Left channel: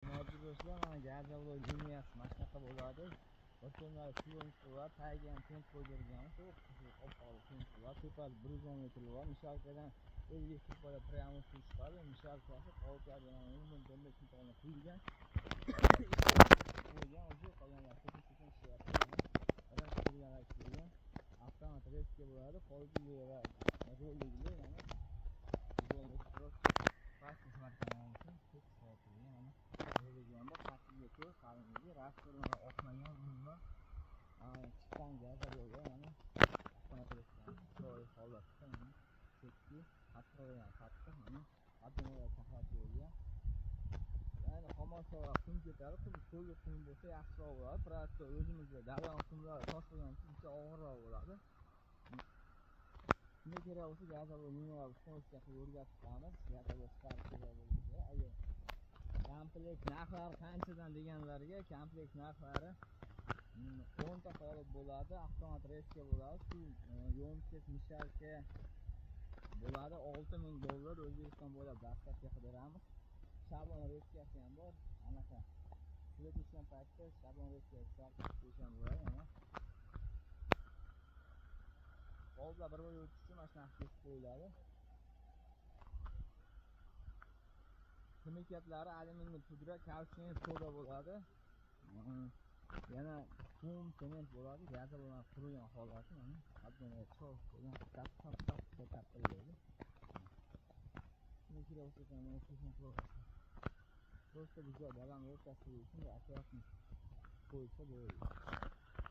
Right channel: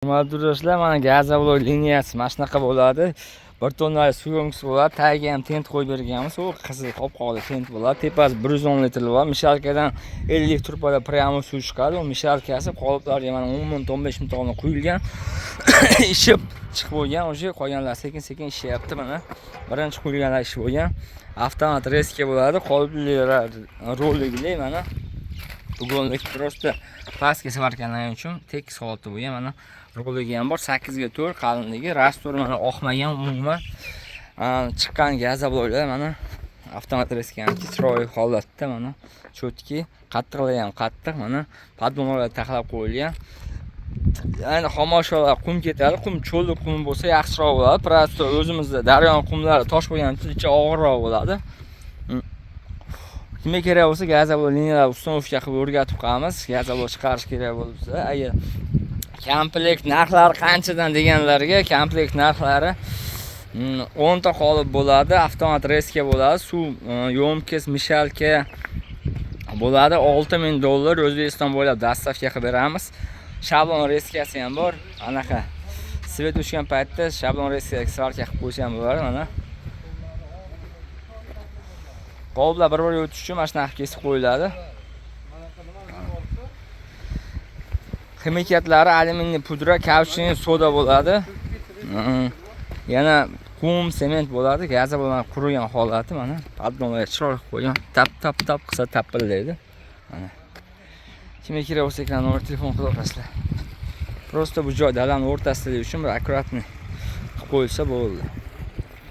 Do'stlar, mana gazobloy liniyasi mana shunaqa bo'ladi. Bir tonnali suyumkisi bo'ladi. Tagiga ham tent qo'yib berganmiz. U qizil qop-qora tent bo'ladi. Tepasi 110 litr bo'ladi. Mishalkadan 50 turpada pramo suv chiqadi. U mishalkasi qoliplarga mana 10 ming 15 ming tonna quyilgan. Ishib chiqib bo'lgan. O'sha qolganlar sekin-sekin ishyapti mana. Birinchi quyilganlar ish bo'lgan. Avtomat reska bo'ladi. Qoliplar roligli mana. Ugonlik просто pastga svarkalanish uchun tekis holatda bo'lgan. Mana roligi ham bor, 8 ga 4 qalinligi, rastor mana oqmagan umuman. Chiqqan gazobloylar mana avtomat reskanki chiroyli holatda mana chotki, qattiqligi ham qattiq mana podmonlar taxlab qo'yilgan. Ya'ni xomashyolar qum ketadi, qum cho'lli qum bo'lsa yaxshiroq bo'ladi. Prosto o'zimizda daryoning qumlari tosh bo'lgani uchun ichi og'irroq bo'ladi. Kimga kerak bo'lsa gazobloy liniyalar uстановка qilib o'rgatib qo'yamiz. Gazobloy chiqarish kerak bo'lsa, agar komplekt narxlari qanchadan deganlarga, komplekt narxlari 10 ta qolip bo'ladi, avtomat reska bo'ladi, suv yo'mkis, mishalka bo'ladi. $6000 O'zbekiston bo'ylab dostavka qilib beramiz. Shablon reskasi ham bor. Anaqa svet o'chgan paytda shablon reskaga svarka qilib qo'ysa ham bo'ladi mana. Qoliplar bir-biriga o'tish uchun mana shunaqa kesib qo'yiladi. Ximikatlari alyuminiy pudra, kauchuk, soda bo'ladi. Yana qum, sement bo'ladi. Gazobloy qurigan holati mana. Podmonlar chiroyli qo'ygan. Tap qilsa tapillaydi. Mana. Kimga kerak bo'lsa ekran nomer telefon qilib olasizlar. Prosta bu joy dalaning o'rtasida uchun bir akkuratni qilib qo'yilsa bo'ldi.